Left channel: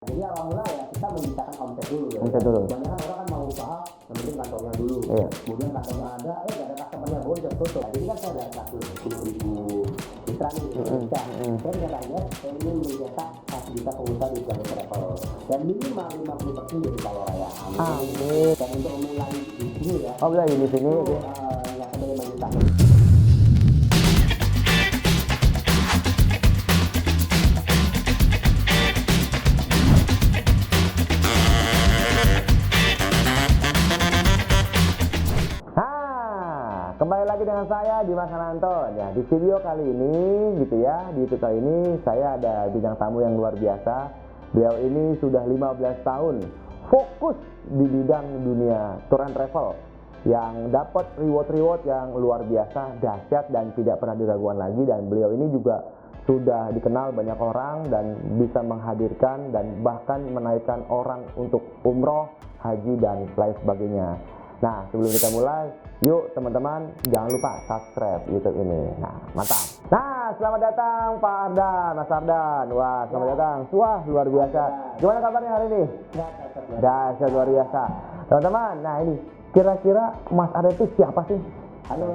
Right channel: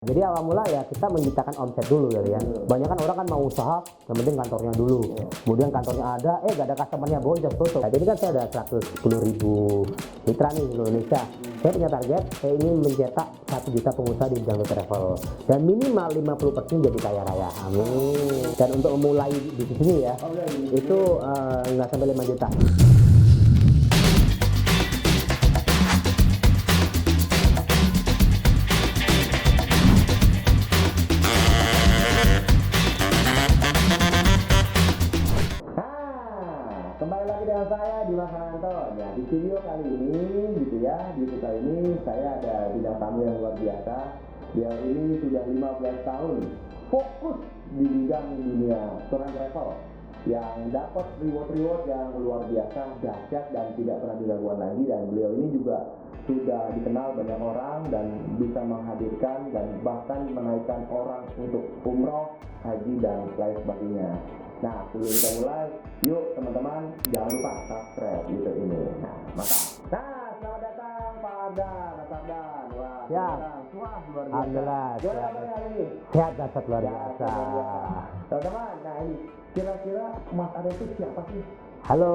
Jadi awal mula ya kita menciptakan omset dulu ya. Banyak kan orang kan mau usaha, yang penting kantornya dulu. Kemudian kantornya ada, gak ada customernya, boncos tutup. Nah, jadi kan saya ada 110.000 mitra nih di Indonesia. Saya punya target, saya ingin mencetak 1 juta pengusaha di bidang travel. Dan minimal 50% jadi kaya raya. Amin. Dan untuk memulai di sini ya, mulai di sini itu nggak sampai 5 juta. Kembali lagi dengan saya Dimas Ananto. Ya, di video kali ini gitu ya, di YouTube kali ini saya ada bintang tamu yang luar biasa. Beliau ini sudah 15 tahun fokus di bidang dunia tour and travel yang dapat reward yang luar biasa, dahsyat dan tidak pernah diragukan lagi. Dan beliau ini juga sudah dikenal banyak orang dan bisa menghadirkan dan bahkan menaikkan orang untuk umroh, haji dan lain sebagainya. Nah, sebelum kita mulai, yuk teman-teman jangan lupa subscribe YouTube ini. Nah, mantap. Nah, selamat datang Pak Ardan, Mas Ardan. Wah, selamat datang. Wah, luar biasa. Gimana kabarnya hari ini? Sehat, luar biasa. Teman-teman, nah ini kira-kira Mas Ardan itu siapa sih? Halo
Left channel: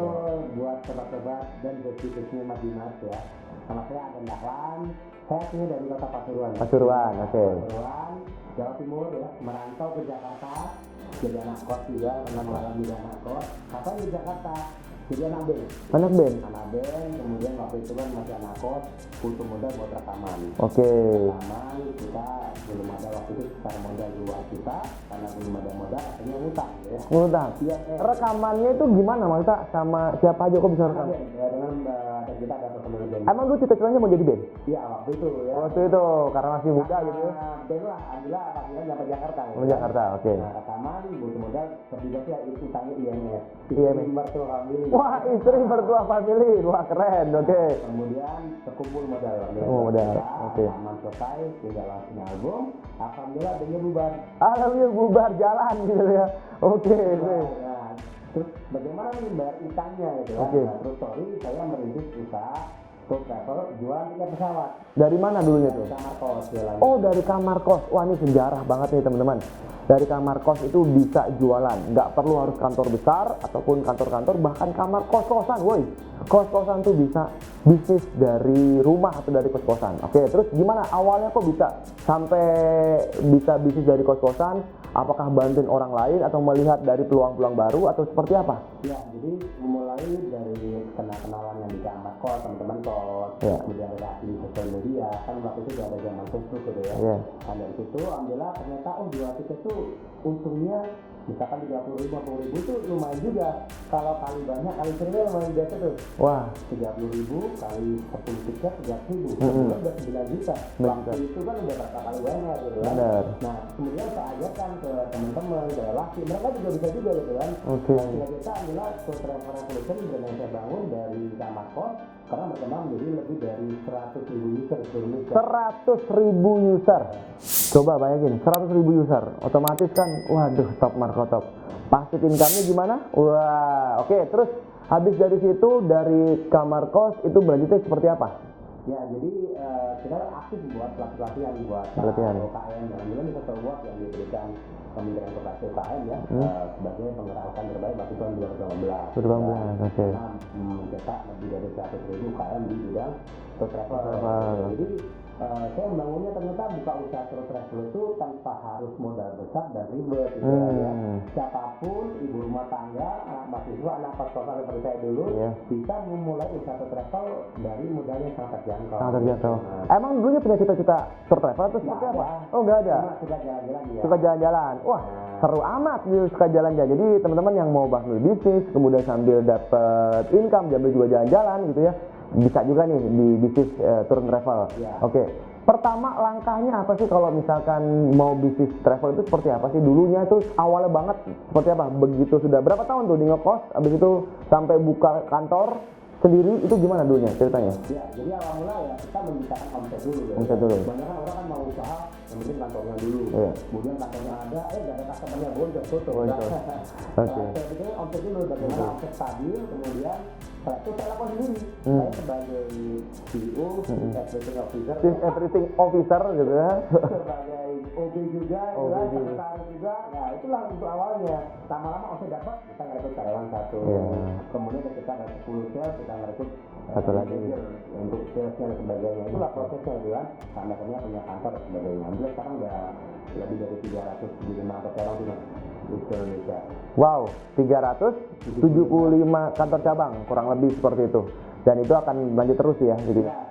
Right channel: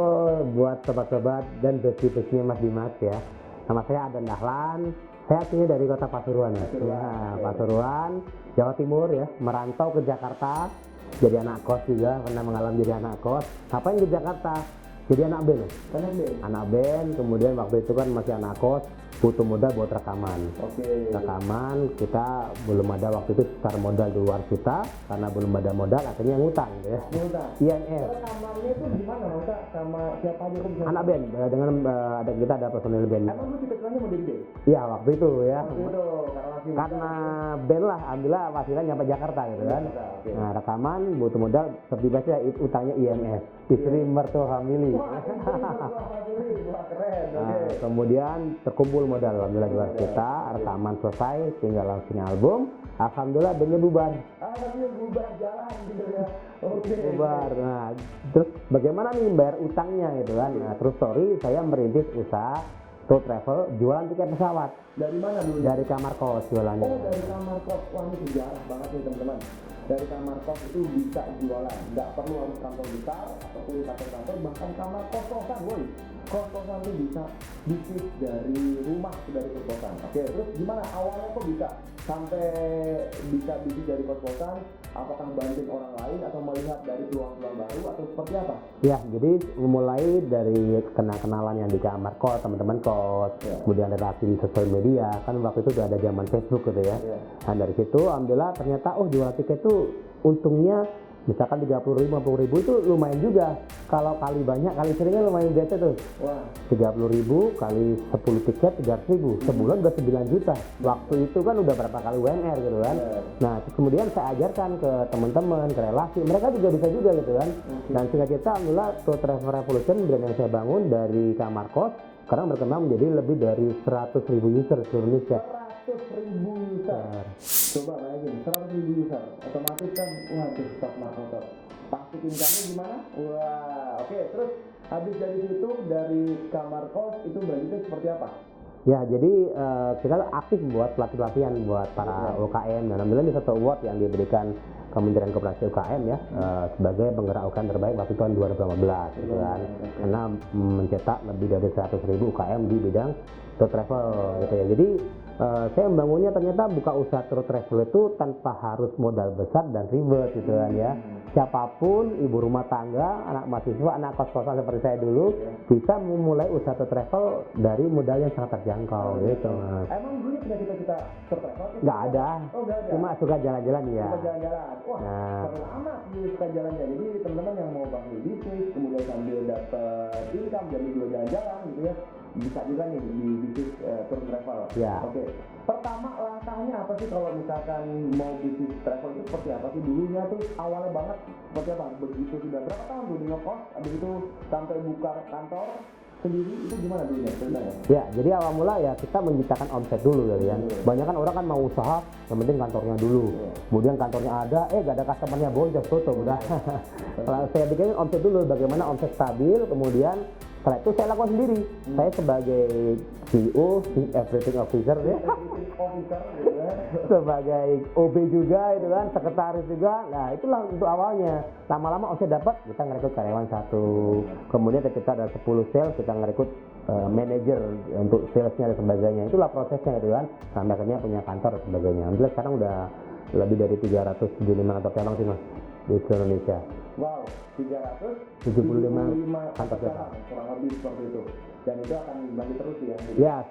buat sobat-sobat dan besti-bestinya Mas Dimas ya. Nama saya Ardan Dahlan. Saya aslinya dari kota Pasuruan. Pasuruan, Jawa Timur ya. Merantau ke Jakarta. Jadi anak kos juga, pernah mengalami jadi anak kos. Ngapain di Jakarta? Jadi anak band. Anak band, kemudian waktu itu kan masih anak kos, butuh modal buat rekaman. Rekaman, kita belum ada waktu itu secara modal di luar kita, karena belum ada modal, akhirnya ngutang ya. IMS. Rekamannya itu gimana maksudnya, sama siapa aja kok bisa? Anak band, dengan ada kita ada personil band. Emang lu cita-citanya mau jadi band? Iya, waktu itu ya. Karena masih muda. Karena band lah, alhamdullah akhirnya nyampe Jakarta ya. Jakarta, Nah, rekaman, butuh modal, seperti utangnya IMS. Istri mertua family. Wah, istri mertua family, wah keren, Nah, kemudian terkumpul modal, alhamdullah kita rekaman selesai, tinggal launching album. Alhamdulillah bandnya bubar. Alhamdulillah bubar jalan gitu ya. Bubar. Nah, terus bagaimana nih bayar utangnya gitu kan? Nah, terus story saya merintis usaha tour travel jualan tiket pesawat. Dari mana dulunya? Dari kamar kos jualannya. Oh, dari kamar kos. Wah, ini sejarah banget nih teman-teman. Dari kamar kos itu bisa jualan, nggak perlu harus kantor besar ataupun kantor-kantor, bahkan kamar kos-kosan, woi. Kos-kosan tuh bisa bisnis dari rumah atau dari kos-kosan. Oke, terus gimana awalnya kok bisa sampai bisa bisnis dari kos-kosan? Apakah bantuin orang lain atau melihat dari peluang-peluang baru atau seperti apa? Ya, jadi memulai dari kenalan yang di kamar kos, teman-teman kos, kemudian relasi di sosial media, kan waktu itu udah ada zaman Facebook gitu ya. Nah, dari situ alhamdulillah ternyata jual tiket tuh untungnya misalkan 30.000, 50.000 itu lumayan juga. Kalau kali banyak, kali seringnya lumayan biasa tuh. Wah, 30.000 kali 10 tiket 300.000, sebulan udah 9 juta. Waktu itu kan udah berapa kali UMR gitu kan. Nah, kemudian saya ajarkan ke teman-teman, ke relasi, mereka juga bisa juga gitu kan. Nah, singkat cerita, alhamdulillah Tour Travel Revolution brand yang saya bangun dari kamar kos sekarang berkembang menjadi lebih dari 100.000 user di seluruh Indonesia. 100.000 user. Coba bayangin, 100.000 user. Otomatis kan, waduh, top market top. Passive income-nya gimana? Wah, oke. Terus habis dari situ, dari kamar kos itu berlanjutnya seperti apa? Ya, jadi kita aktif buat pelatihan buat para UKM. Dan alhamdulillah ini satu award yang diberikan Kementerian Koperasi UKM ya sebagai penggerak UKM terbaik waktu tahun 2015. Karena mencetak lebih dari 100.000 UKM di bidang tour travel. Gitu ya. Jadi saya membangunnya ternyata buka usaha tour travel itu tanpa harus modal besar dan ribet gitu ya. Siapapun, ibu rumah tangga, anak mahasiswa, anak kos-kosan seperti saya dulu bisa memulai usaha tour travel dari modal yang sangat terjangkau. Emang dulunya punya cita-cita tour travel tuh? Nggak ada. Oh, nggak ada. Cuma suka jalan-jalan ya. Suka jalan-jalan. Wah, seru amat suka jalan-jalan. Jadi teman-teman yang mau bangun bisnis, kemudian sambil dapat income, sambil juga jalan-jalan gitu ya, bisa juga nih di bisnis tour and travel. Oke. Pertama langkahnya apa sih kalau misalkan mau bisnis travel itu seperti apa sih? Dulunya itu awalnya banget seperti apa? Begitu sudah berapa tahun tuh di ngekos, habis itu sampai buka kantor sendiri itu gimana dulunya ceritanya? Ya, jadi awal mula ya kita menciptakan omset dulu ya. Banyak kan orang kan mau usaha, yang penting kantornya dulu. Kemudian kantornya ada, gak ada customernya, boncos tutup. Saya bikin omset dulu, bagaimana omset stabil, kemudian Setelah itu saya lakukan sendiri. Saya sebagai CEO, Chief Everything Officer, Everything officer gitu ya. sebagai OB juga, itu kan, sekretaris juga. Nah itulah untuk awalnya. Lama-lama omset dapat, kita ngerekrut karyawan satu. Kemudian ketika ada 10 sales, kita ngerekrut manajer untuk salesnya dan sebagainya. Itulah prosesnya gitu kan. Sampai akhirnya punya kantor dan sebagainya. Alhamdulillah sekarang udah lebih dari 375 kantor cabang sih mas di Indonesia. Wow, 375 kantor cabang kurang lebih seperti itu. Dan itu akan lanjut terus ya. Gitu. Ya.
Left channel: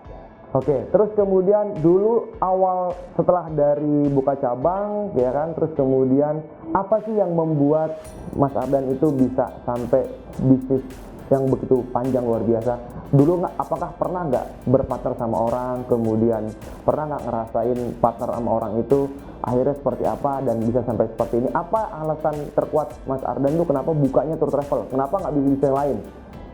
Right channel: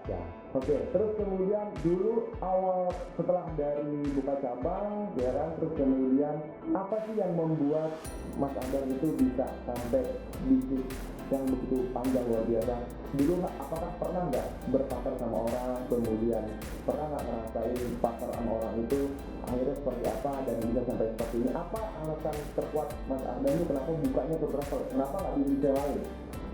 Oke, terus kemudian dulu awal setelah dari buka cabang, ya kan, terus kemudian apa sih yang membuat Mas Ardan itu bisa sampai bisnis yang begitu panjang luar biasa? Dulu apakah pernah nggak berpartner sama orang, kemudian pernah nggak ngerasain partner sama orang itu akhirnya seperti apa dan bisa sampai seperti ini? Apa alasan terkuat Mas Ardan itu kenapa bukanya tour travel? Kenapa nggak bisnis yang lain?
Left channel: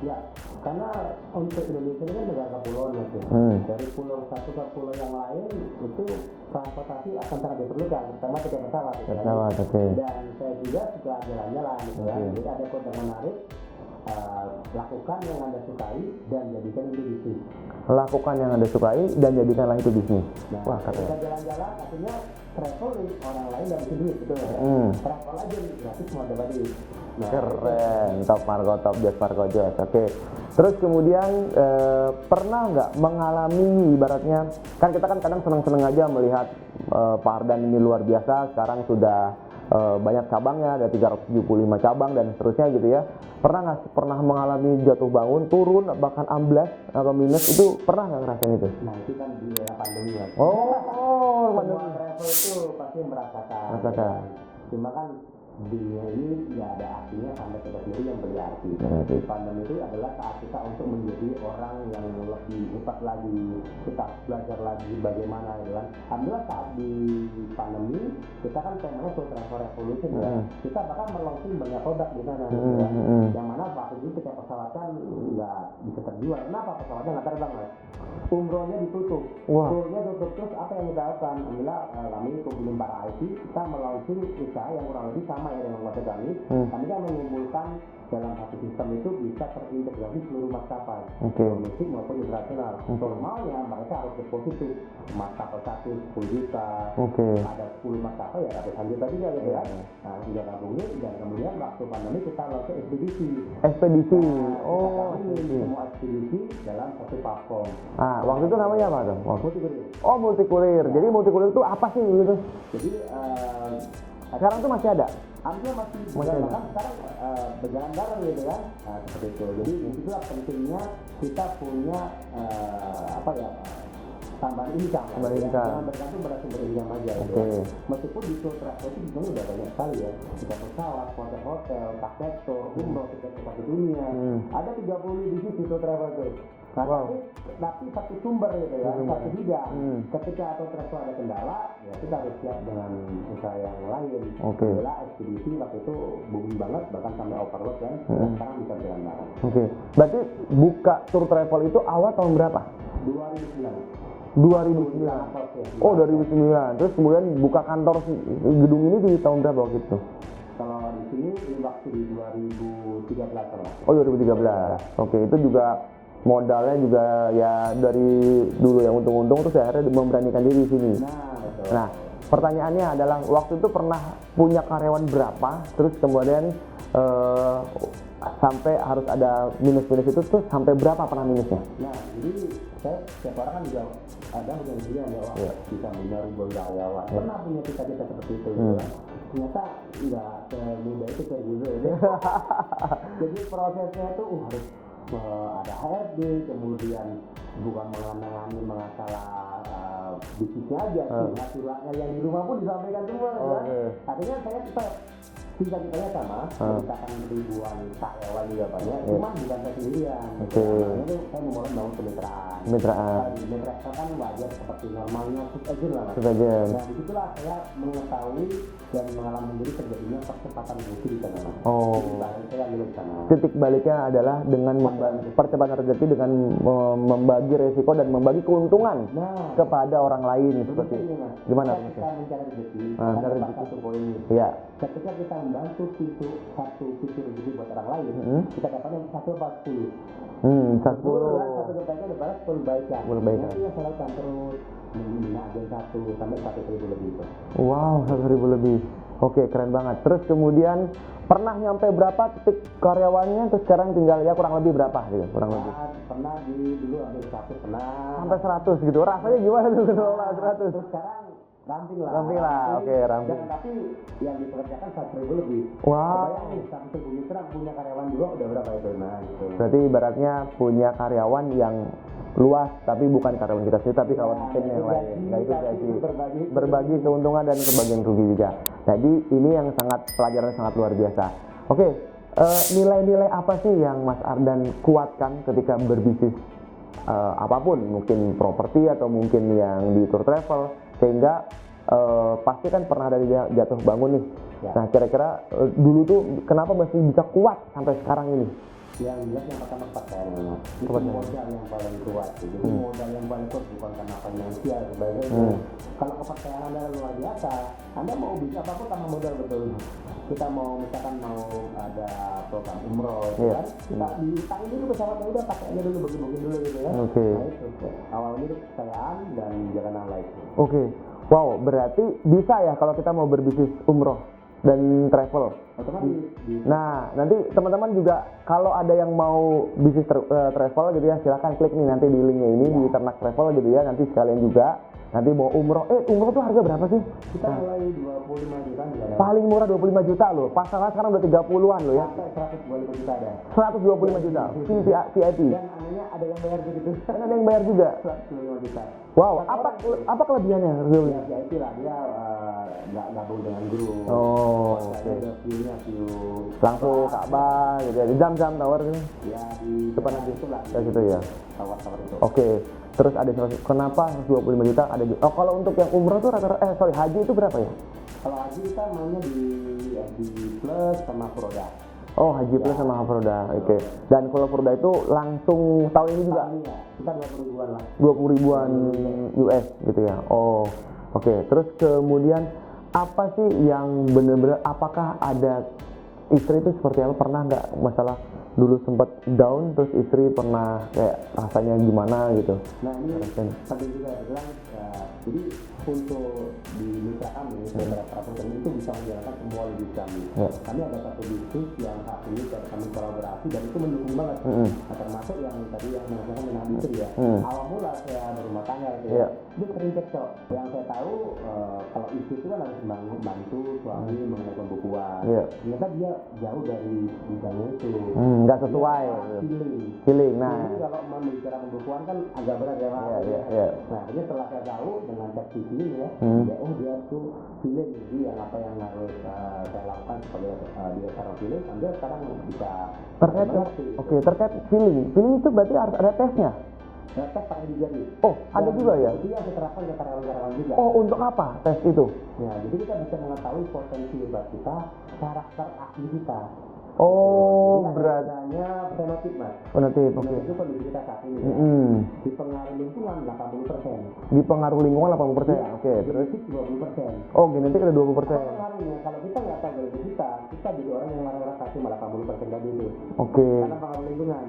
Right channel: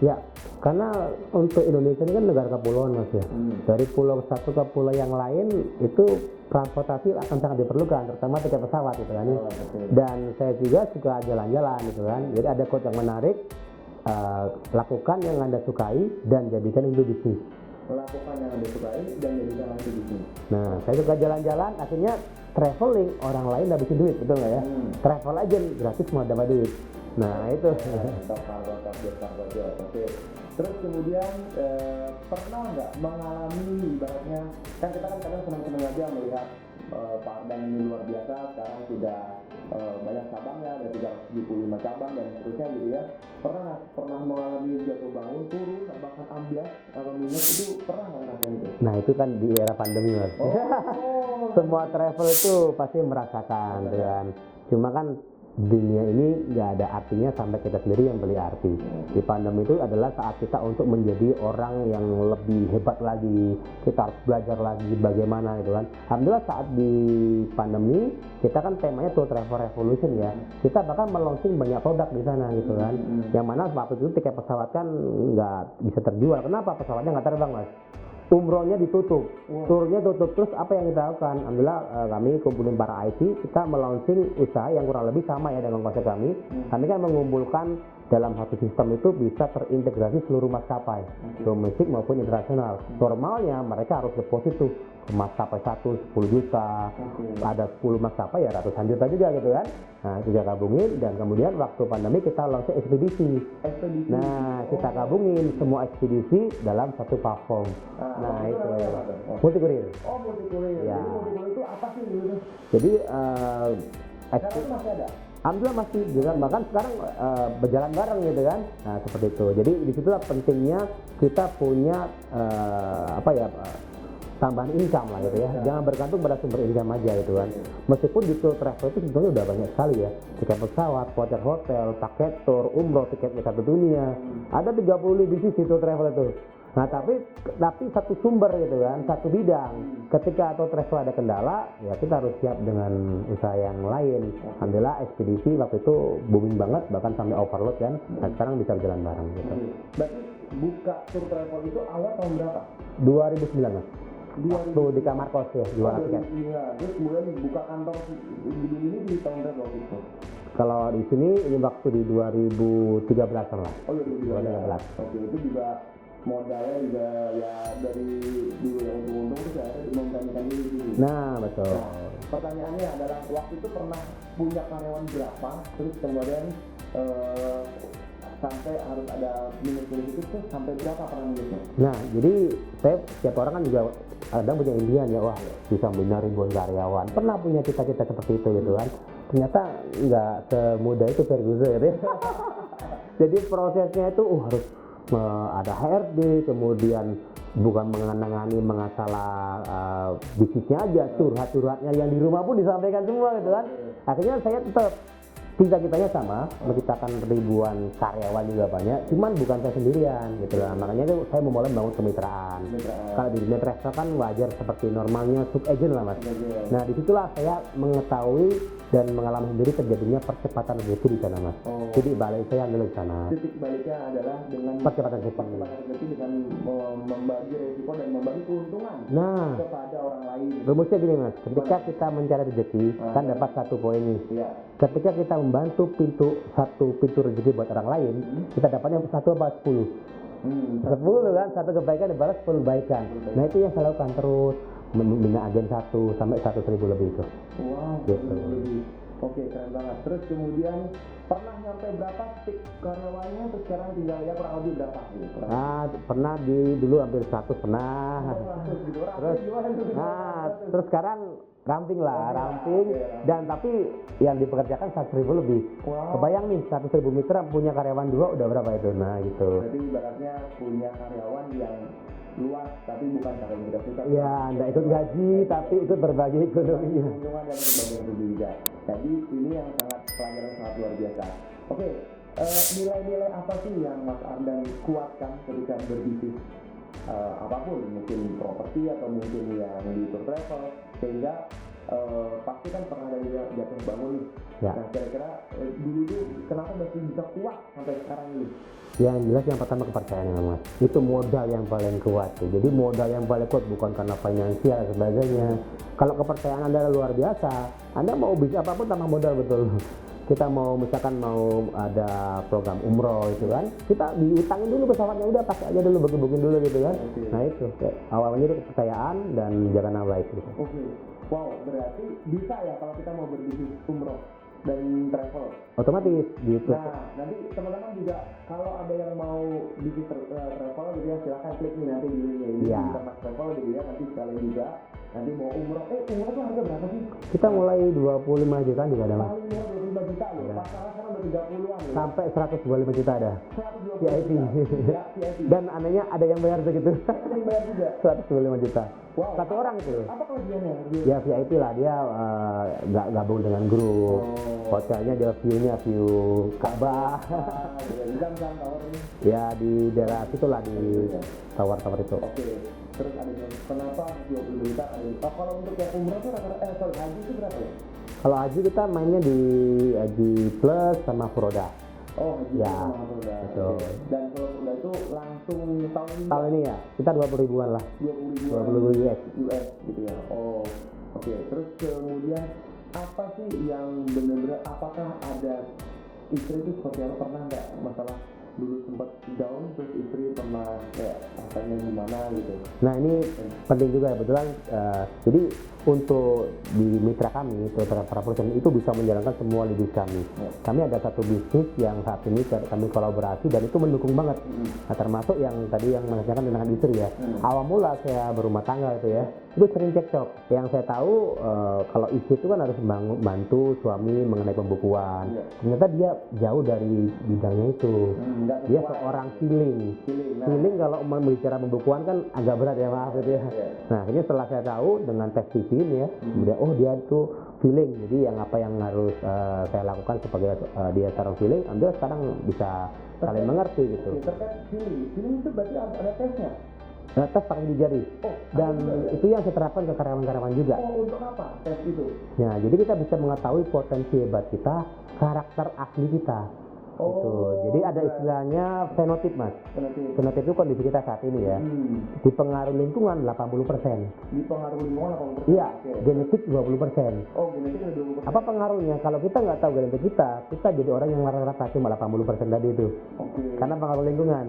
Ya, karena untuk Indonesia ini kan negara kepulauan mas ya. Dari pulau satu ke pulau yang lain itu transportasi akan sangat diperlukan, terutama tiket pesawat gitu kan. Dan saya juga suka jalan-jalan gitu kan. Jadi ada quote yang menarik, lakukan yang Anda sukai dan jadikan itu bisnis. Lakukan yang Anda sukai dan jadikanlah itu bisnis. Nah, kalau suka jalan-jalan, akhirnya traveling orang lain dapetin duit, betul nggak ya? Travel aja gratis semua dapat duit. Nah, itu top Margo, top Jos Margo Jos. Oke. Terus kemudian pernah nggak mengalami ibaratnya, kan kita kan kadang seneng-seneng aja melihat Pak Ardan ini luar biasa, sekarang sudah banyak cabangnya, ada 375 cabang dan seterusnya gitu ya. Pernah mengalami jatuh bangun, turun, bahkan amblas atau minus, itu pernah nggak ngerasain itu? Nah itu kan di era pandemi mas. Semua travel itu pasti merasakan. Kan? Cuma kan dunia ini nggak ada artinya sampai kita sendiri yang beli arti. Di pandemi itu adalah saat kita untuk menjadi orang yang lebih hebat lagi. Kita harus belajar lagi bagaimana itu kan. Alhamdulillah saat di pandemi kita kan temanya Tour Travel Revolution ya. Kita bahkan melaunching banyak produk di sana gitu kan. Yang mana waktu itu tiket pesawat kan nggak bisa terjual. Kenapa? Pesawatnya nggak terbang mas. Umrohnya ditutup, turnya tutup. Terus apa yang kita lakukan? Alhamdulillah kami kumpulin para IT, kita melaunching usaha yang kurang lebih sama ya dengan konsep kami. Kami kan mengumpulkan dalam satu sistem itu bisa terintegrasi seluruh maskapai, domestik maupun internasional. Normalnya mereka harus deposit tuh maskapai 10 juta, ada 10 maskapai ya ratusan juta juga gitu kan. Nah itu kita gabungin dan kemudian waktu pandemi kita launching ekspedisi. Nah, kita gabungin semua ekspedisi dalam satu platform. Waktu itu namanya apa tuh? Multikurir. Oh, multikurir. Jadi multikurir itu apa sih gitu? Jadi sekarang itu masih ada? Alhamdulillah masih, bahkan sekarang berjalan bareng gitu kan. Nah seperti itu. Jadi disitulah pentingnya kita punya tambahan income lah ya. Jangan bergantung pada sumber income aja gitu kan. Meskipun di tour travel itu sebenarnya udah banyak sekali ya. Tiket pesawat, voucher hotel, paket tour, umroh, tiket satu dunia. Ada 30 bisnis di tour travel itu. Nah tapi satu sumber gitu kan, satu bidang. Ketika tour travel ada kendala, ya kita harus siap dengan usaha yang lain. Adalah ekspedisi waktu itu booming banget, bahkan sampai overload kan. Nah sekarang bisa berjalan bareng. Gitu. Berarti buka tour travel itu awal tahun berapa? 2009. 2009 di Marcos ya. Oh 2009. Terus kemudian buka kantor gedung ini di tahun berapa gitu? Kalau di sini ini waktu di 2013 lah. Oh 2013. Oke, itu juga modalnya juga ya dari dulu yang untung-untung terus akhirnya memberanikan diri di sini. Nah betul. Nah pertanyaannya adalah waktu itu pernah punya karyawan berapa? Terus kemudian sampai harus ada minus-minus itu tuh sampai berapa pernah minusnya? Nah jadi setiap orang kan juga ada punya impian ya, wah bisa punya ribuan karyawan. Pernah punya cita-cita seperti itu gitu kan. Ternyata nggak semudah itu gitu ya. Jadi prosesnya itu harus ada HRD, kemudian bukan mengenangani masalah bisnisnya aja, curhat-curhatnya yang di rumah pun disampaikan semua gitu kan. Akhirnya saya tetap cita-citanya sama, menciptakan ribuan karyawan juga banyak, cuman bukan saya sendirian gitu. Makanya itu saya memulai membangun kemitraan. Kalau di dunia travel kan wajar seperti normalnya sub agent lah mas. Nah disitulah saya mengetahui dan mengalami sendiri terjadinya percepatan rezeki di sana mas. Titik balik saya adalah di sana. Titik baliknya adalah dengan percepatan rezeki dengan membagi resiko dan membagi keuntungan kepada orang lain. Rumusnya gini mas, ketika kita mencari rezeki kan dapat satu poin nih. Iya. Ketika kita membantu satu pintu rezeki buat orang lain, kita dapatnya 1 apa 10. 10 kan, satu kebaikan dibalas 10 kebaikan. Nah itu yang saya lakukan terus, membina agen 1 sampai 100.000 lebih itu. Wow, 100.000 lebih. Oke, keren banget. Terus kemudian pernah nyampe berapa titik karyawannya, terus sekarang tinggal ya kurang lebih berapa gitu? Kurang lebih. Pernah dulu hampir 100 pernah. Sampai 100 gitu. Rasanya gimana tuh? Terus sekarang ramping lah. Oke, ramping. Dan tapi yang dipekerjakan 100.000 lebih. Wow. Kebayang nih 100.000 mitra punya karyawan 2 udah berapa itu? Nah gitu. Berarti ibaratnya punya karyawan yang luas, tapi bukan karyawan kita sendiri, tapi itu gaji, tapi itu berbagi keuntungan dan kebagian rugi juga. Jadi ini yang pelajaran sangat luar biasa. Oke, nilai-nilai apa sih yang Mas Ardan kuatkan ketika berbisnis apapun, mungkin properti atau mungkin yang di tour travel, sehingga pasti kan pernah ada jatuh bangun nih. Ya. Nah kira-kira dulu tuh kenapa masih bisa kuat sampai sekarang ini? Yang jelas yang pertama kepercayaan, Mas. Itu modal yang paling kuat. Jadi modal yang paling kuat bukan karena finansial dan sebagainya. Kalau kepercayaan Anda luar biasa, Anda mau bisnis apapun tambah modal, betul. Kita mau misalkan mau ada program umroh itu kan, kita diutangin dulu pesawatnya, udah pakai aja dulu, bagi-bagiin dulu gitu kan. Nah itu awalnya itu kepercayaan dan jangan nama baik. Oke. Wow, berarti bisa ya kalau kita mau berbisnis umroh dan travel otomatis gitu. Nah nanti teman-teman juga kalau ada yang mau bisnis travel gitu ya, silakan klik nih nanti di linknya ini di Ternak Travel gitu ya, nanti sekalian juga nanti mau umroh. Umroh tuh harga berapa sih? Kita mulai 25 juta juga ada. Paling murah 25 juta loh. Pasaran sekarang udah 30-an loh ya. Sampai 125 juta ada. 125 juta. VIP. Dan anehnya ada yang bayar segitu. Dan ada yang bayar juga 125 juta. Wow, Satu orang apa kelebihannya? Ya VIP lah, dia nggak gabung dengan grup. Hotelnya dia view-nya view Ka'bah, jadi jam-jam tower nih. Ya di daerah itulah di situ ya. Tower itu. Oke. Terus ada kenapa 125 juta ada juga. Oh, kalau untuk yang umroh tuh haji itu berapa ya? Kalau haji kita mainnya di Haji Plus sama Furoda. Oh, Haji Plus sama Furoda. Oke. Dan kalau Furoda itu langsung tahun ini juga? Tahun ini ya, kita 20 ribuan lah. 20 ribuan US gitu ya. Oh, oke. Terus kemudian apa sih yang benar-benar, apakah ada istri itu seperti apa? Pernah nggak masalah dulu sempat down, terus istri pernah kayak rasanya gimana gitu? Nah ini penting juga ya, kebetulan jadi untuk di mitra kami, para perusahaan itu bisa menjalankan semua bisnis kami. Kami ada satu bisnis yang saat ini kami kolaborasi dan itu mendukung banget. Nah termasuk yang tadi yang menanyakan tentang istri ya. Awal mula saya berumah tangga itu ya, itu sering cekcok. Yang saya tahu kalau istri itu kan harus bantu suami mengenai pembukuan. Ternyata dia jauh dari bidangnya itu. Nggak sesuai. Dia orang feeling. Nah. Feeling kalau bicara pembukuan kan agak berat ya Pak. Nah akhirnya setelah saya tahu dengan tes TV ini ya, dia tuh feeling. Jadi yang apa yang harus saya lakukan sebagai dia sekarang feeling, Anda sekarang bisa mengerti. Gitu. Oke, terkait feeling itu berarti harus ada tesnya. Tes pakai di jari. Oh, ada juga ya? Itu yang saya terapkan ke karyawan-karyawan juga. Oh, untuk apa tes itu? Nah, jadi kita bisa mengetahui potensi hebat kita, karakter asli kita. Oh, jadi ada istilahnya fenotip, Mas. Fenotip itu kondisi kita saat ini ya. Dipengaruhi lingkungan 80%. Dipengaruhi lingkungan 80%? Iya. Oke. Genetik 20%. Oh, genetik ada 20%. Apa pengaruhnya? Kalau kita nggak tahu genetik kita jadi orang yang rata-rata cuma 80% tadi itu. Oke. Karena pengaruh lingkungan.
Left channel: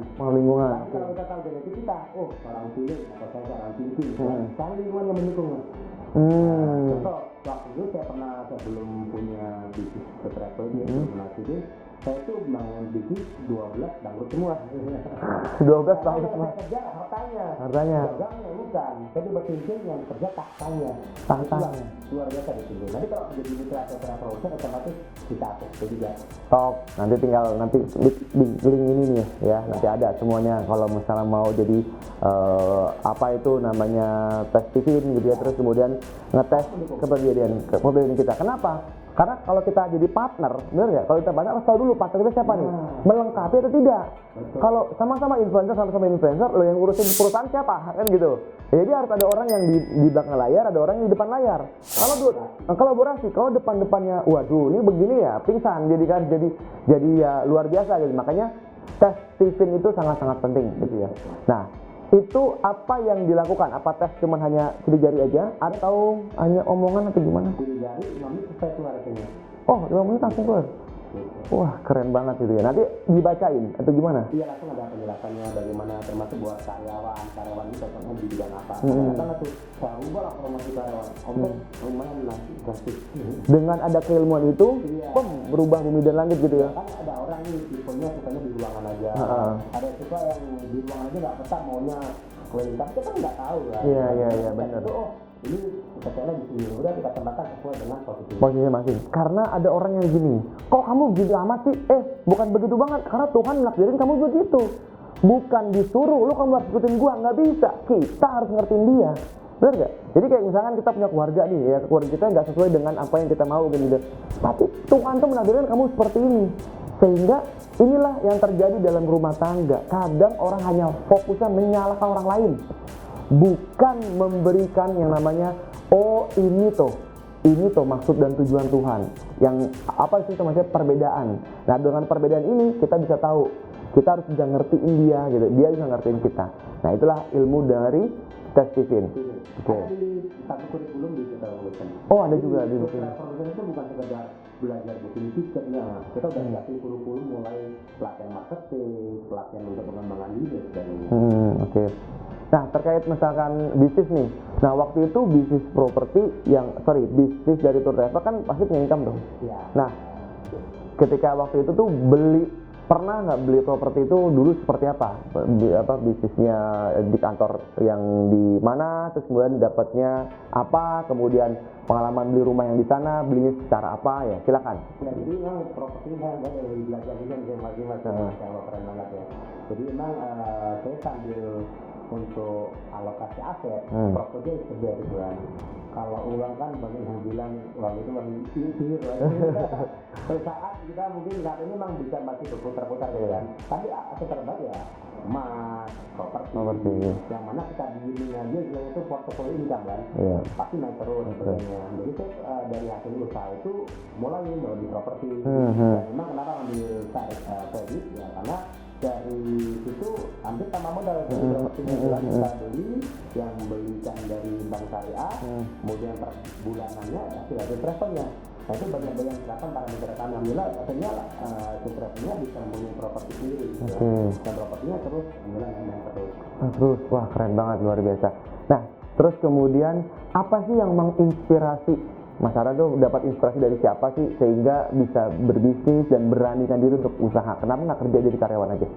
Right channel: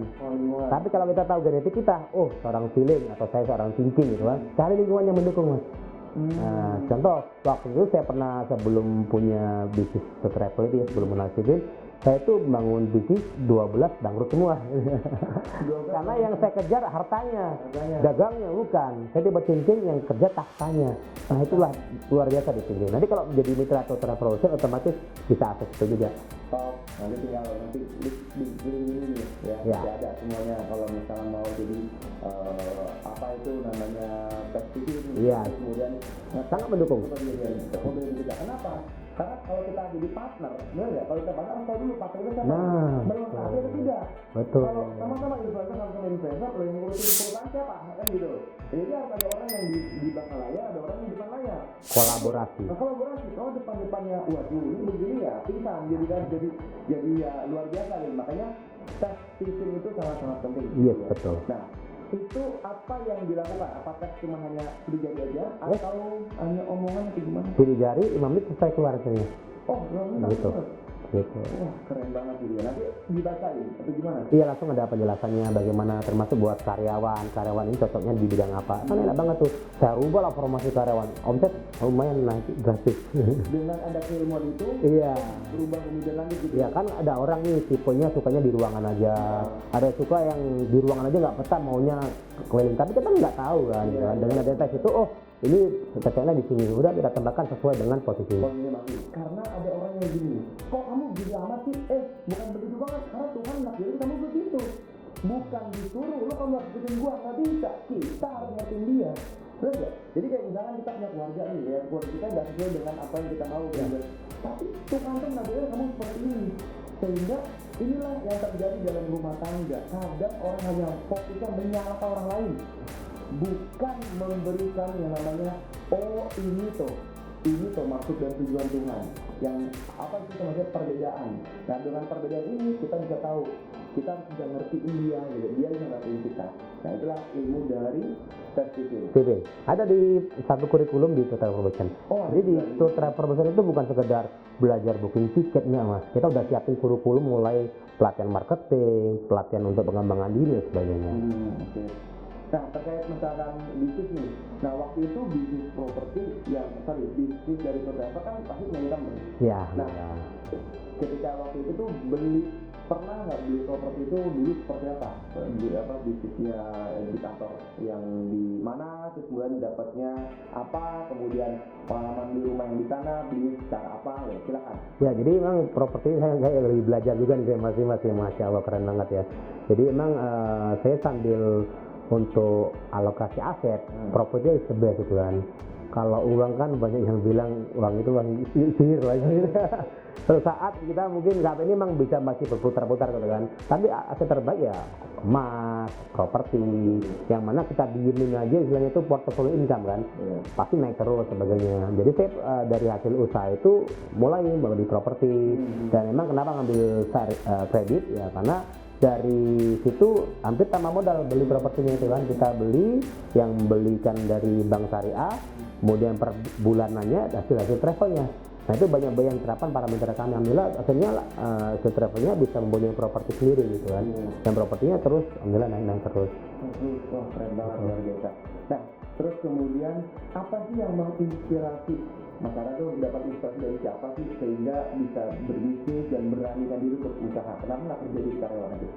Tapi kalau kita tahu genetik kita, seorang feeling atau saya seorang thinking gitu kan. Cari lingkungan yang mendukung, Mas. Nah, contoh, waktu itu saya pernah sebelum punya bisnis travel itu sebelum menasibin, saya itu bangun bisnis 12 bangkrut semua. 12 Karena yang saya kejar hartanya, dagangnya bukan. Saya tiba thinking yang kerja tahtanya. Itulah luar biasa di sini. Nanti kalau menjadi mitra atau travel otomatis bisa akses itu juga. Top. Nanti tinggal di link ini nih ya. Nanti ada semuanya kalau misalnya mau jadi apa itu namanya tes TV gitu ya. Terus kemudian ngetes kepribadian kita. Kenapa? Karena kalau kita jadi partner, benar ya? Kalau kita banyak harus tahu dulu partner kita siapa nih, melengkapi atau tidak. Kalau sama-sama influencer, lo yang ngurusin perusahaan siapa, kan gitu. Jadi harus ada orang yang di belakang layar, ada orang yang di depan layar. Kolaborasi. Kalau depannya, waduh, ini begini ya, pingsan, jadi ya luar biasa gitu. Makanya tes Stephen itu sangat-sangat penting. Iya, betul. Nah, itu apa yang dilakukan? Apa tes cuma hanya sidik jari aja atau hanya omongan atau gimana? Sidik jari 5 menit selesai keluar hasilnya. Oh, 5 menit langsung Gitu. keluar. Gitu. Wah, keren banget itu ya. Nanti dibacain atau gimana? Iya, langsung ada penjelasannya bagaimana, termasuk buat karyawan ini cocoknya di bidang apa. Enak banget tuh. Saya rubah lah formasi karyawan. Omset lumayan naik drastis. Dengan ada keilmuan itu, Iya. berubah bumi dan langit gitu Ya ya. kan ada orang nih tipenya sukanya di ruangan aja. Ada yang suka yang di ruangan aja nggak betah, maunya keliling. Tapi kita nggak tahu kan. Iya, iya, Dengan iya, kita benar. itu, oh ini cocoknya di sini. Udah kita tambahkan sesuai dengan posisi. Posisinya masing. Karena ada orang yang gini, kok kamu gini amat sih? Bukan begitu banget. Karena Tuhan nakdirin kamu begitu. Bukan disuruh, lu kamu harus ikutin gua. Nggak bisa. Kita harus ngertiin dia. Benar nggak? Jadi kayak misalkan kita punya keluarga nih ya, keluarga kita nggak sesuai dengan apa yang kita mau gitu. Tapi Tuhan tuh menakdirkan kamu seperti ini. Sehingga inilah yang terjadi dalam rumah tangga. Kadang orang hanya fokusnya menyalahkan orang lain. Bukan memberikan yang namanya, oh ini tuh maksud dan tujuan Tuhan. Yang apa sih namanya perbedaan. Nah dengan perbedaan ini kita bisa tahu, kita harus bisa ngertiin dia gitu, dia bisa ngertiin kita. Nah itulah ilmu dari tes Steven. Ada di satu kurikulum di Tour Travel Booking. Oh, ada Jadi juga di di Tour Booking. Travel Booking itu bukan sekedar belajar booking tiket nih mas. Kita udah siapin kurikulum mulai pelatihan marketing, pelatihan untuk pengembangan diri dan sebagainya. Oke. Nah terkait misalkan bisnis nih. Nah waktu itu bisnis bisnis dari Tour Travel kan pasti punya income dong. Ya. Nah ketika waktu itu tuh pernah nggak beli properti itu dulu seperti apa? Bisnisnya di kantor yang di mana, terus kemudian dapatnya apa, kemudian pengalaman beli rumah yang di sana, belinya secara apa ya, silakan. Ya, jadi emang properti saya lagi belajar juga nih masih masya Allah keren banget ya. Jadi emang saya sambil untuk alokasi aset, properti sebelah itu kan. Kalau uang kan banyak yang bilang uang itu uang sihir lagi. Suatu saat kita mungkin saat ini memang bisa masih berputar-putar gitu kan. Tapi aset terbaik ya emas, properti. Yang mana kita diemin aja istilahnya itu portfolio income kan. Pasti naik terus sebagainya. Jadi saya dari hasil usaha itu mulai bawa di properti. Dan memang kenapa ngambil kredit ya karena dari situ hampir tambah modal beli propertinya itu kan. Kita beli yang belikan dari bank syariah, kemudian per bulanannya hasil travelnya. Nah itu banyak yang terapan parameter kami. Alhamdulillah akhirnya travelnya bisa mempunyai properti sendiri gitu kan. Dan propertinya terus alhamdulillah naik terus. Terus wah keren banget, luar biasa. Nah terus kemudian apa sih yang menginspirasi Mas Ara tuh, dapat inspirasi dari siapa sih sehingga bisa berbisnis dan beranikan diri untuk usaha? Kenapa nggak kerja jadi karyawan aja?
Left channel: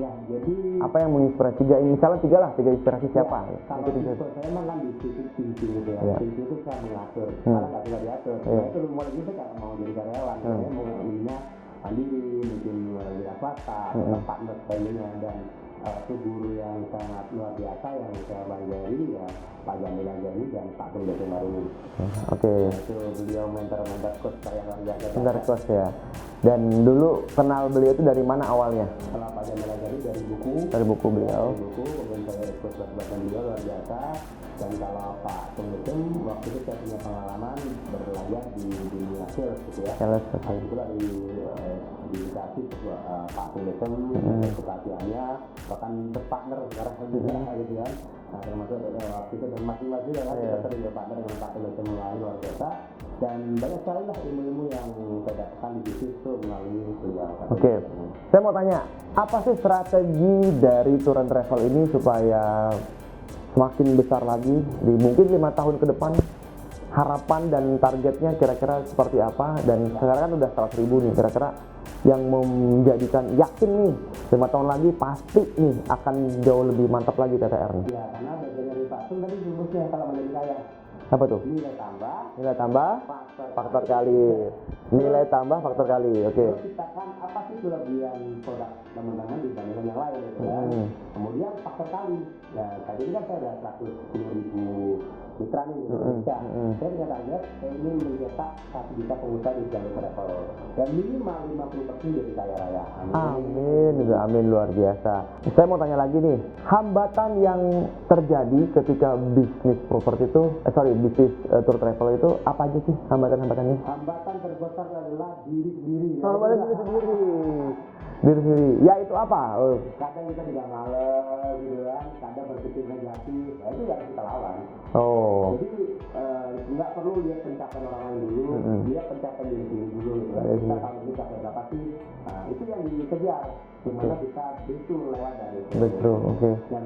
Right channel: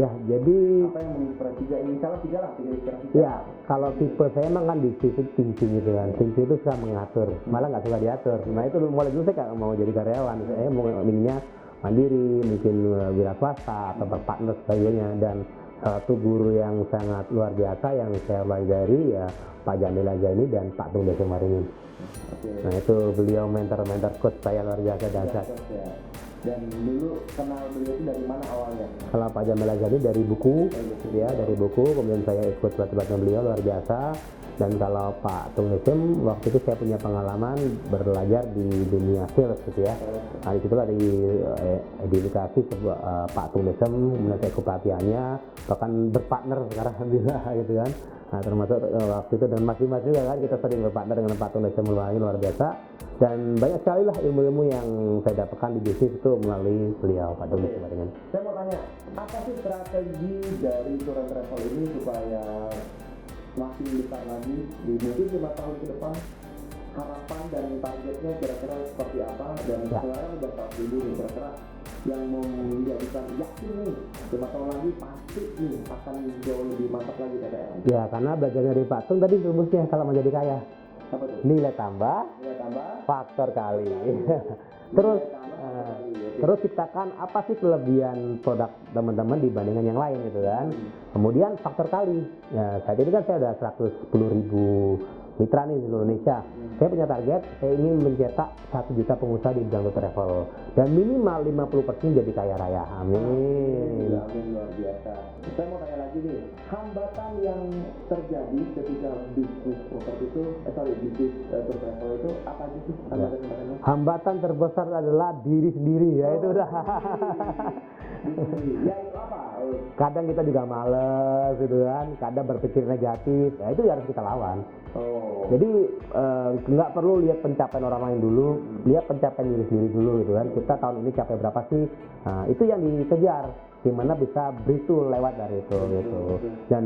Ya, jadi apa yang menginspirasi tiga inspirasi siapa? Ya, kalau tipe saya emang kan di situ thinking gitu kan. Thinking itu suka mengatur, malah nggak suka diatur. Nah itu mulai dulu saya nggak mau jadi karyawan. Saya mau inginnya mandiri, mungkin wira swasta atau partner sebagainya. Dan salah satu guru yang sangat luar biasa yang saya pelajari ya Pak Jamil Ajani dan Pak Tung Desa Maringin. Nah itu beliau mentor coach saya luar biasa. Coach ya. Dan dulu kenal beliau itu dari mana awalnya? Kalau Pak Jamil Ajani dari buku ya, dari buku, kemudian saya ikut pelatihan beliau luar biasa. Dan kalau Pak Tung Desem, waktu itu saya punya pengalaman belajar di dunia sales gitu ya. Hari itu lah diedukasi Pak Tung Desem, saya ke pelatihannya, bahkan berpartner sekarang gitu kan. Nah termasuk waktu itu dan masih juga kan kita sering berpartner dengan Pak Tung Desem luar biasa. Dan banyak sekali lah ilmu-ilmu yang saya dapatkan di bisnis itu melalui beliau. Oke. Saya mau tanya, apa sih strategi dari Tour and Travel ini supaya semakin besar lagi di mungkin 5 tahun ke depan, harapan dan targetnya kira-kira seperti apa? Dan sekarang kan udah 100.000 nih, kira-kira yang menjadikan yakin nih 5 tahun lagi pasti nih akan jauh lebih mantap lagi TTR nih. Ya karena belajar dari Pak Tung tadi rumusnya kalau mau jadi kaya apa tuh? Nilai tambah faktor kali. Nilai tambah faktor kali. Terus ciptakan apa sih kelebihan produk teman-teman dibandingkan yang lain gitu kan. Kemudian faktor kali. Ya saat ini kan saya udah 110.000 mitra nih di Indonesia. Saya punya target, saya ingin mencetak 1 juta pengusaha di bidang travel dan minimal 50% jadi kaya raya. Amin, luar biasa. Saya mau tanya lagi nih, hambatan yang terjadi ketika bisnis properti itu, bisnis tour travel itu apa aja sih hambatan-hambatannya? Hambatan terbesar adalah diri sendiri ya. Diri sendiri. Ya itu apa? Kadang kita juga males gitu kan, kadang berpikir negatif, ya itu yang harus kita lawan. Oh. Jadi nggak perlu lihat pencapaian orang lain dulu, lihat pencapaian diri sendiri dulu gitu kan. Kita tahun ini capai berapa sih? Nah, itu yang dikejar. Gimana bisa breakthrough lewat dari itu. Betul. Oke. Dan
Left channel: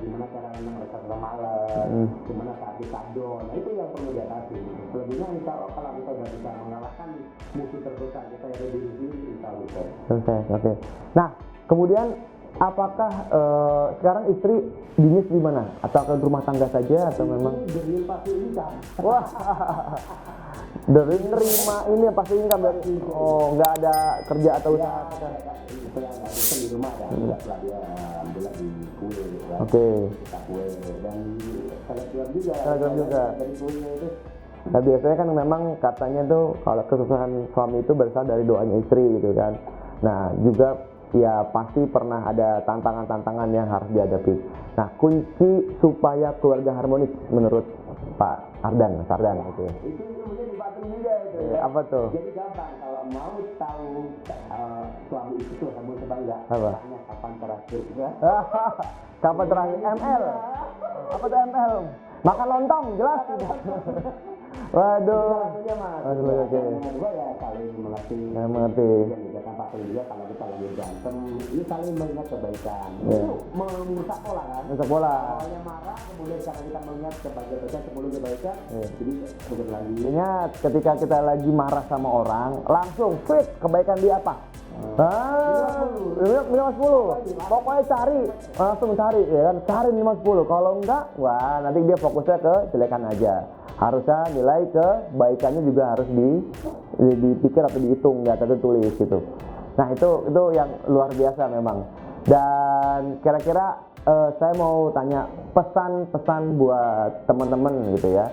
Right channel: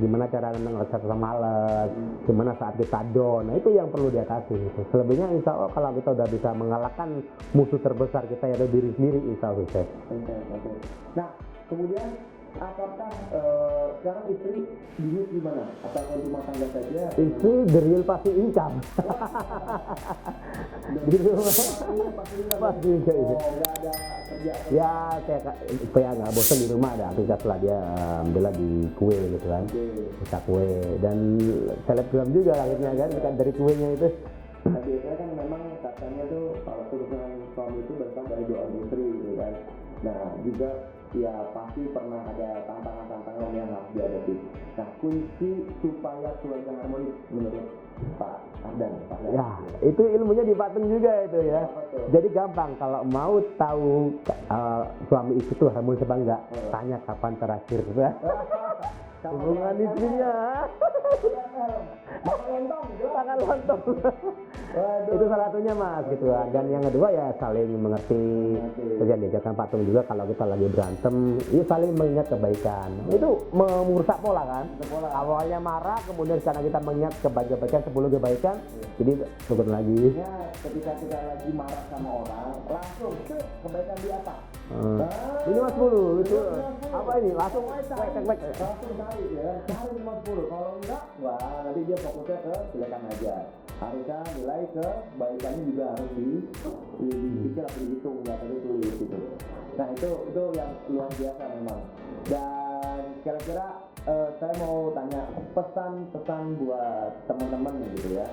gimana cara ngerasa males, gimana saat kita down. Nah itu yang perlu diatasi. Gitu. Selebihnya insya Allah kalau kita udah bisa mengalahkan musuh terbesar kita yang ada diri sendiri, insya Allah sukses. Sukses. Oke. Nah, kemudian apakah sekarang istri bisnis di mana? Atau ke rumah tangga saja? Atau Itu the real pasti income. Wah, dari rumah ini yang pasti income ya? Oh, nggak ada kerja atau Ya, kayak nggak bosan di rumah ada aktivitas lah dia alhamdulillah di kue gitu kan. Oke. Bisa kue dan selebgram juga kan dari kuenya itu. Nah, biasanya kan memang katanya tuh kalau kesuksesan suami itu berasal dari doanya istri gitu kan. Nah, juga ya pasti pernah ada tantangan-tantangan yang harus dihadapi. Nah, kunci supaya keluarga harmonis menurut Pak Ardan, Mas Ardan Ya, gitu ya. itu ilmunya di Patung juga itu ya. Apa tuh? Jadi gampang kalau mau tahu suami istri itu harmonis apa enggak, tanya kapan terakhir. Kapan terakhir ML? Apa tuh ML? Makan lontong, jelas. Waduh. Itu salah satunya mas. Gitu. Yang kedua ya saling mengerti. Mengerti. Kemudian diajarkan Patung juga kalau kita lagi berantem, ini saling mengingat kebaikan. Itu merusak pola kan. Untuk bola. Awalnya marah, kemudian karena kita mengingat kebaikan 10 kebaikan, jadi turun lagi. Ingat ketika kita lagi marah sama orang, langsung fit kebaikan dia apa? Lima 5 10. Pokoknya cari, langsung cari ya kan, cari 5 10. Kalau enggak, wah nanti dia fokusnya ke jelekan aja. Harusnya nilai kebaikannya juga harus dipikir atau dihitung, nggak tertulis gitu. Nah itu yang luar biasa memang. Dan kira-kira saya mau tanya pesan-pesan buat teman-teman gitu ya,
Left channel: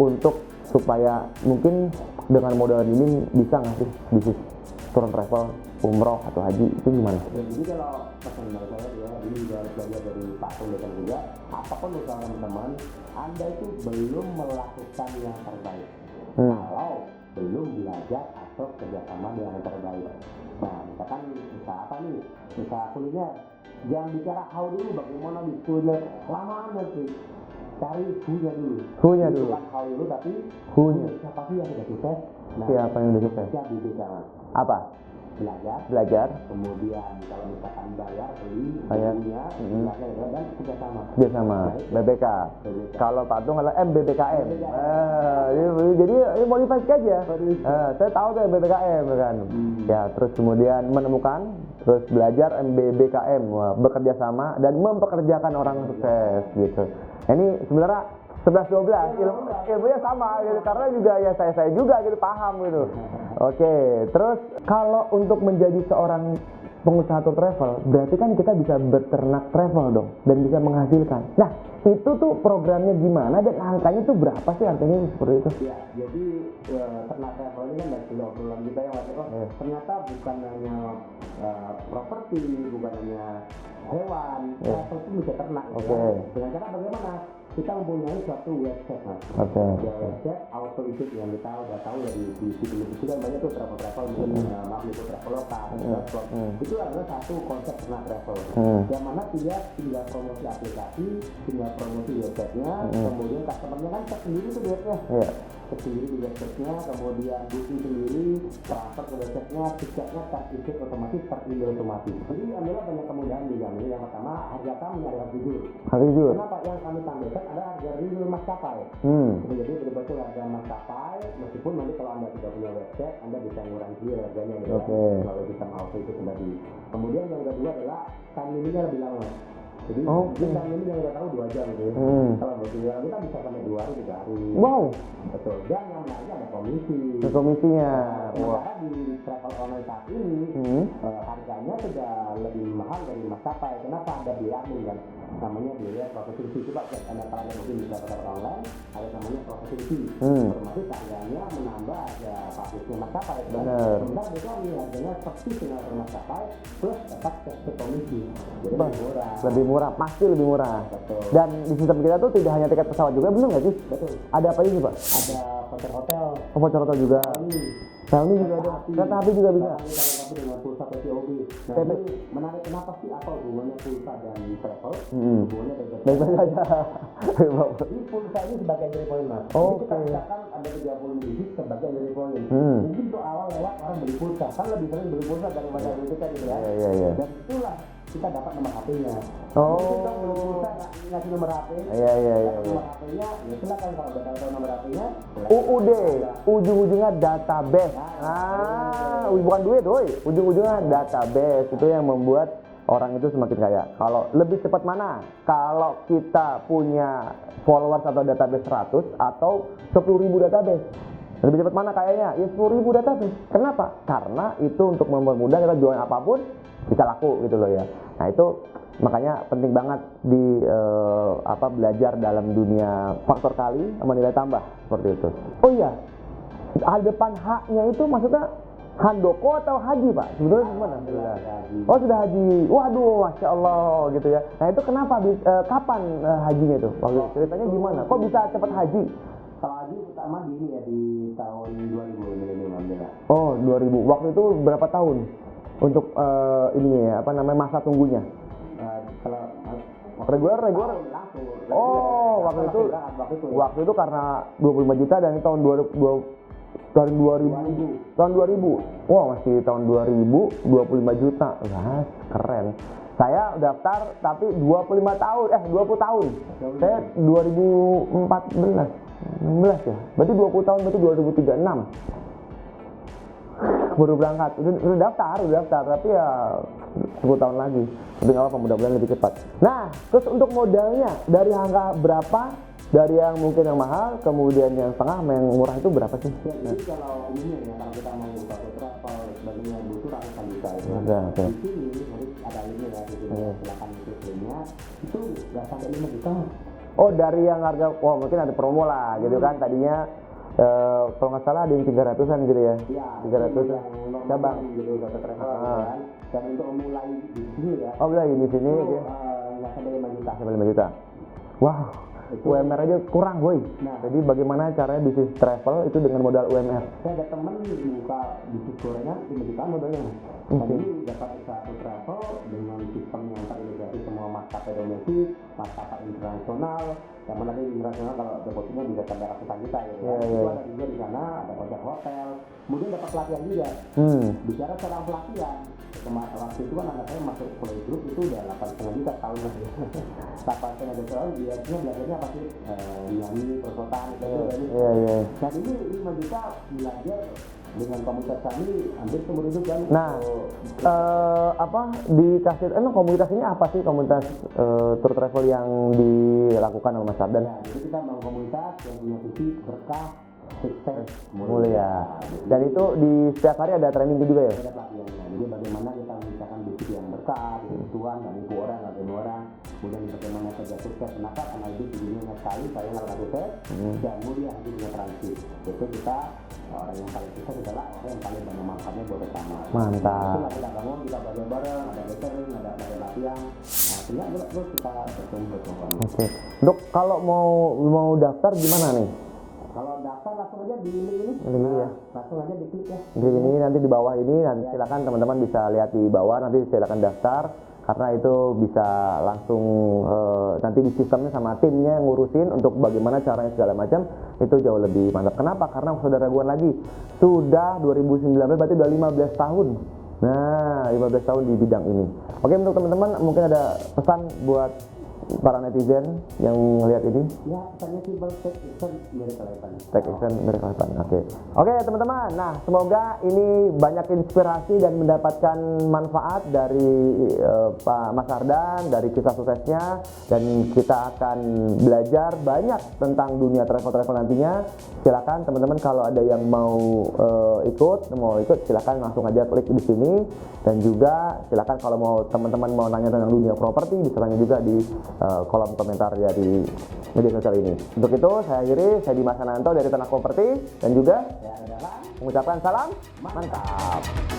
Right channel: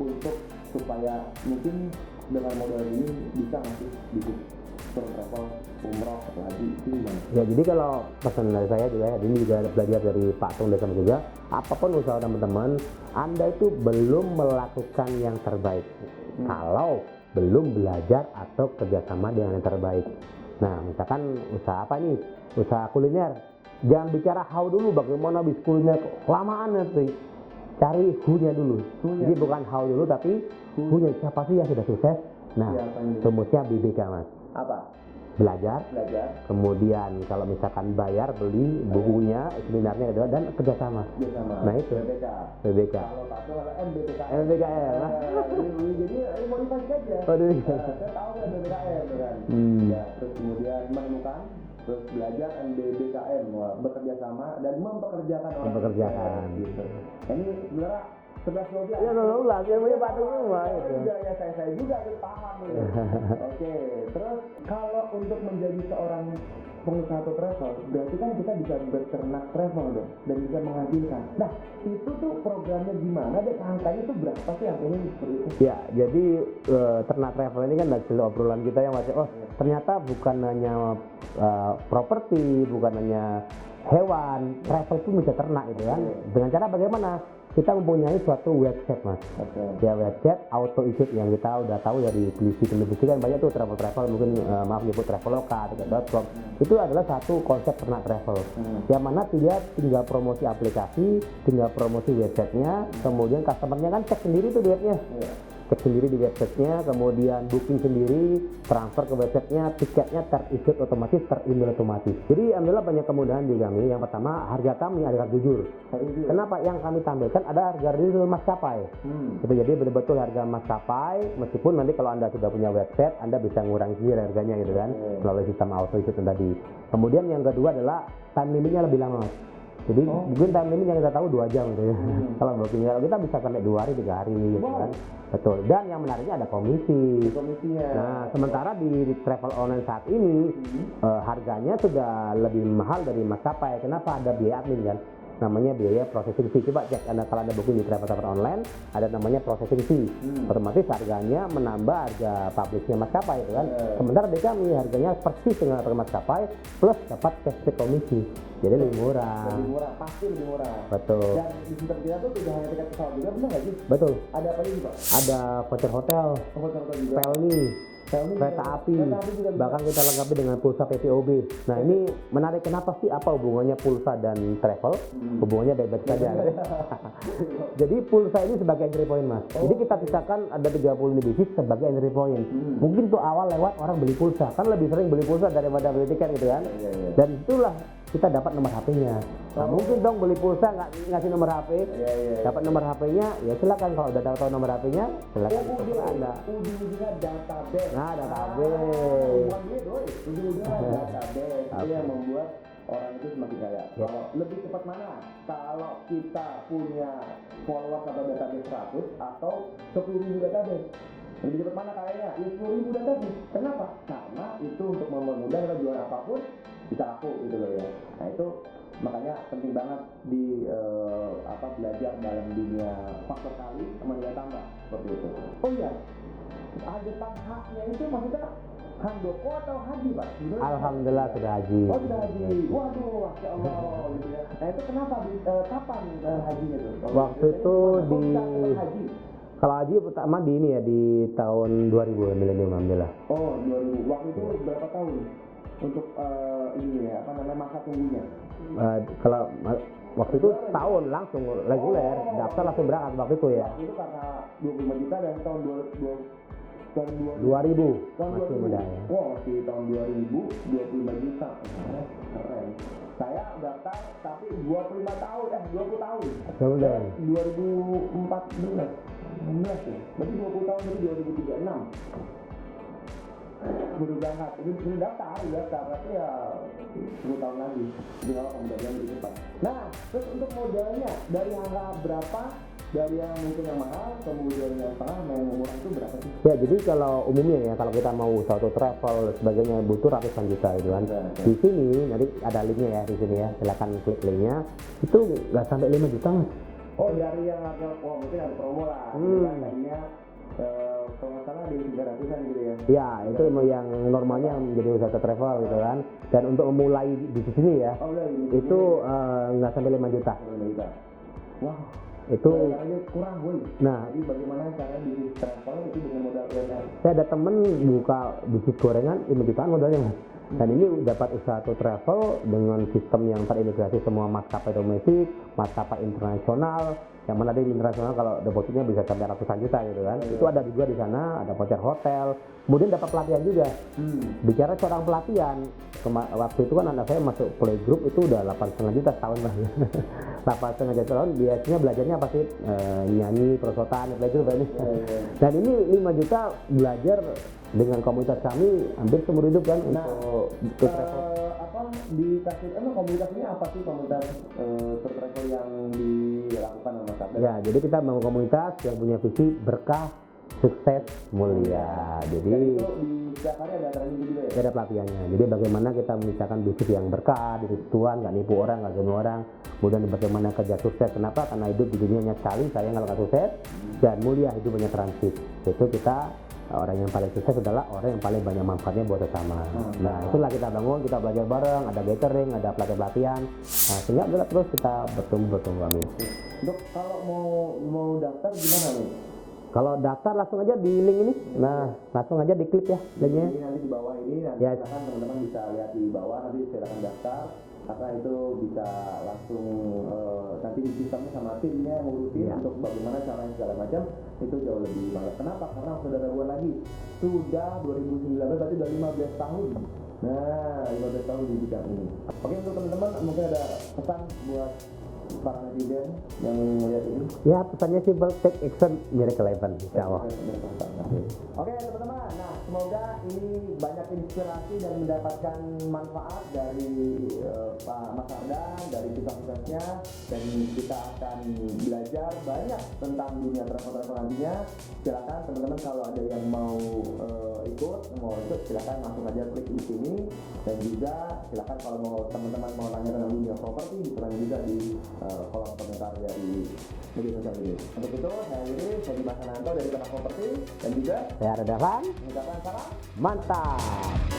untuk supaya mungkin dengan modal ini bisa nggak sih bisnis tour travel, umroh atau haji itu gimana? Ya jadi kalau pesan dari saya juga ini juga belajar dari Pak Tung Desan juga, apapun usaha teman-teman, Anda itu belum melakukan yang terbaik kalau belum belajar atau kerjasama dengan yang terbaik. Nah misalkan usaha apa nih? Usaha kuliner, jangan bicara how dulu, bagaimana bisnis kuliner, kelamaan nanti. Cari who-nya dulu. Jadi bukan how dulu tapi who-nya, siapa sih yang sudah sukses? Nah, siapa yang sudah rumusnya BBK mas. Apa? Belajar, kemudian kalau misalkan bayar, beli bukunya, seminarnya gitu, dan kerjasama. Nah itu BBK. Kalau Pak Tung adalah MBBKM. Jadi ini modifikasi aja. Saya tahu tuh MBBKM kan. Ya terus kemudian menemukan, terus belajar MBBKM, bekerja sama dan mempekerjakan orang sukses gitu. Nah, ini sebenarnya 11-12 ilmunya sama ya, karena juga ya saya juga gitu paham gitu. Oke, terus kalau untuk menjadi seorang pengusaha tour travel berarti kan kita bisa berternak travel dong dan bisa menghasilkan. Nah itu tuh programnya gimana dan angkanya tuh berapa sih angkanya seperti itu? Ya jadi ternak travel ini kan hasil obrolan kita yang masih ternyata bukan hanya properti, bukan hanya hewan, travel pun bisa ternak gitu kan. Dengan cara bagaimana? Kita mempunyai suatu website mas. Ya website auto ikut yang kita udah tahu ya di televisi kan banyak tuh travel mungkin maaf nyebut traveloka, itu adalah satu konsep ternak travel. Yang mana dia tinggal promosi aplikasi, tinggal promosi websitenya, kemudian customernya kan cek sendiri tuh duitnya. Cek sendiri di websitenya, kemudian booking sendiri, transfer ke websitenya, tiketnya terikut otomatis, terindul otomatis. Jadi alhamdulillah banyak kemudahan di kami. Yang pertama harga kami harga jujur. Kenapa? Yang kami tampilkan ada harga real maskapai. Jadi betul-betul harga maskapai, meskipun nanti kalau Anda sudah punya website, Anda bisa ngurangi sendiri harganya gitu kan. Melalui sistem auto itu tadi. Kemudian yang kedua adalah time limitnya lebih lama. Jadi mungkin time limit yang kita tahu 2 jam gitu ya. Kalau bookingnya kita bisa sampai 2 hari 3 hari ini. Wow. Betul. Dan yang menariknya ada komisi. Komisinya. Nah, sementara di travel online saat ini harganya sudah lebih mahal dari maskapai. Kenapa? Ada biaya admin kan. namanya biaya processing fee. Coba cek kalau Anda booking di travel online, ada namanya processing fee. Otomatis harganya menambah harga publishnya maskapai itu kan. Sementara di kami harganya persis dengan harga maskapai plus dapat cashback komisi. Jadi lebih murah. Lebih murah, pasti lebih murah. Betul. Dan di sistem kita tuh tidak hanya tiket pesawat juga, benar nggak sih? Betul. Ada apa ini Pak? Ada voucher hotel, Voucher hotel juga. Pelni, Kereta api. kereta api juga bisa. bahkan kita lengkapi dengan pulsa PPOB. Nah ini menarik, kenapa sih, apa hubungannya pulsa dan travel? Hubungannya baik-baik saja. Jadi pulsa ini sebagai entry point Mas. Jadi kita misalkan ada 30 bisnis sebagai entry point. Mungkin tuh awal lewat orang beli pulsa, kan lebih sering beli pulsa daripada beli tiket gitu kan. Iya. Dan itulah kita dapat nomor HP-nya. Mungkin dong beli pulsa ngasih nomor HP. Iya. Dapat nomor HP-nya, ya silakan kalau udah tahu nomor HP-nya. UUD, ujung-ujungnya database. Bukan duit, doi. Ujung-ujungnya database. Itu yang membuat orang itu semakin kaya. Kalau lebih cepat mana? Kalau kita punya followers atau database 100 atau 10.000 database. Lebih cepat mana kayaknya? Ya 10.000 database. Kenapa? Karena itu untuk mempermudah kita jualan apapun bisa laku gitu loh ya. Nah itu makanya penting banget di belajar dalam dunia faktor kali sama nilai tambah seperti itu. Oh iya, ada depan haknya itu maksudnya handoko atau haji Pak? Sebetulnya Alhamdulillah sudah haji. Oh sudah haji. Waduh, masya Allah gitu ya. Nah itu kenapa? Kapan hajinya itu? Ceritanya gimana? Kok bisa cepat haji? Kalau haji pertama di ini ya di tahun 2000 milenium alhamdulillah. Oh 2000. Waktu itu berapa tahun untuk ininya ya? Apa namanya masa tunggunya? Kalau waktu reguler tahun langsung reguler. Waktu itu berangkat waktu itu ya. Waktu itu karena 25 juta dan tahun 2000. Tahun 2000. Wah, masih tahun 2000 25 juta. Wah, keren. Saya daftar tapi 20 tahun. Saya 2014. 16 ya. Berarti 20 tahun, berarti 2036. Baru berangkat. Itu udah daftar, tapi ya 10 tahun lagi. Tapi nggak apa-apa, mudah-mudahan lebih cepat. Nah, terus untuk modalnya dari angka berapa? Dari yang mungkin yang mahal, kemudian yang tengah, yang murah itu berapa sih? Ya, jadi kalau umumnya ya, kalau kita mau suatu travel sebagainya butuh ratusan juta gitu kan. Okay. Di sini nanti ada linknya ya, di sini ya, silakan klik linknya. Itu nggak sampai 5 juta Mas. Oh dari yang harga, mungkin ada promo lah gitu kan tadinya. Kalau nggak salah ada yang 300-an gitu ya? Iya, itu yang normalnya menjadi wisata travel gitu kan. Dan untuk memulai di sini ya, mulai di sini itu nggak sampai 5 juta. Sampai 5 juta. Wow, itu UMR aja kurang boy. Nah, jadi bagaimana caranya bisnis travel itu dengan modal UMR? Saya ada temen buka bisnis gorengan 5 jutaan modalnya Mas. Dan ini dapat usaha travel dengan sistem yang terintegrasi semua maskapai domestik, maskapai internasional. Yang mana di internasional kalau depositnya bisa sampai ratusan juta gitu kan. Itu ada juga di sana, ada voucher hotel. Kemudian dapat pelatihan juga. Bicara seorang pelatihan, waktu itu kan anak saya masuk playgroup itu udah 8,5 juta setahun lah. 8,5 juta tahun, biasanya belajarnya apa sih? Nyanyi, perosotan, itu banyak. Dan ini 5 juta belajar dengan komunitas kami hampir seumur hidup kan. Nah, dikasih komunitas ini apa sih, komunitas tour travel yang dilakukan oleh Mas Abdan? Ya, jadi kita membangun komunitas yang punya visi berkah, sukses, mulia. Jadi, dan itu di setiap hari ada training juga ya? Ada pelatihannya. Jadi bagaimana kita menciptakan bisnis yang berkah, bisnis tuan, nggak nipu orang, nggak ganggu orang. Kemudian bagaimana kerja sukses. Kenapa? Karena hidup di dunia sekali, sayang kalau nggak sukses. Dan mulia, hidup banyak transit. Itu kita orang yang paling sukses adalah orang yang paling banyak manfaatnya buat bersama. Mantap. Itulah kita bangun, kita belajar bareng, ada gathering, ada pelatihan. Nah, sehingga terus kita bertumbuh. Oke. Untuk kalau mau daftar gimana nih? Kalau daftar langsung aja di link ini. Langsung aja diklik ya. Di ini nanti di bawah ini nanti silakan teman-teman bisa lihat di bawah, nanti silakan daftar karena itu bisa langsung nanti di sistemnya sama timnya ngurusin untuk bagaimana caranya segala macam itu jauh lebih mantap. Kenapa? Karena sudah raguan lagi. Sudah 2019 berarti udah 15 tahun. Nah, 15 tahun di bidang ini. Oke, untuk teman-teman mungkin ada pesan buat para netizen yang melihat ini? Ya, pesannya simple, take action, miracle happen. Take action, miracle happen. Oke, teman-teman. Nah, semoga ini banyak inspirasi dan mendapatkan manfaat dari Pak Mas Ardan, dari kisah suksesnya, dan kita akan belajar banyak tentang dunia travel nantinya. Silakan teman-teman kalau ada yang mau ikut silakan langsung aja klik di sini, dan juga silakan kalau mau teman-teman mau nanya tentang dunia properti bisa tanya juga di kolom komentar dari media sosial ini. Untuk itu saya akhiri, saya Dimas Ananto dari Tanah Properti dan juga Saya Redakan. mengucapkan salam mantap.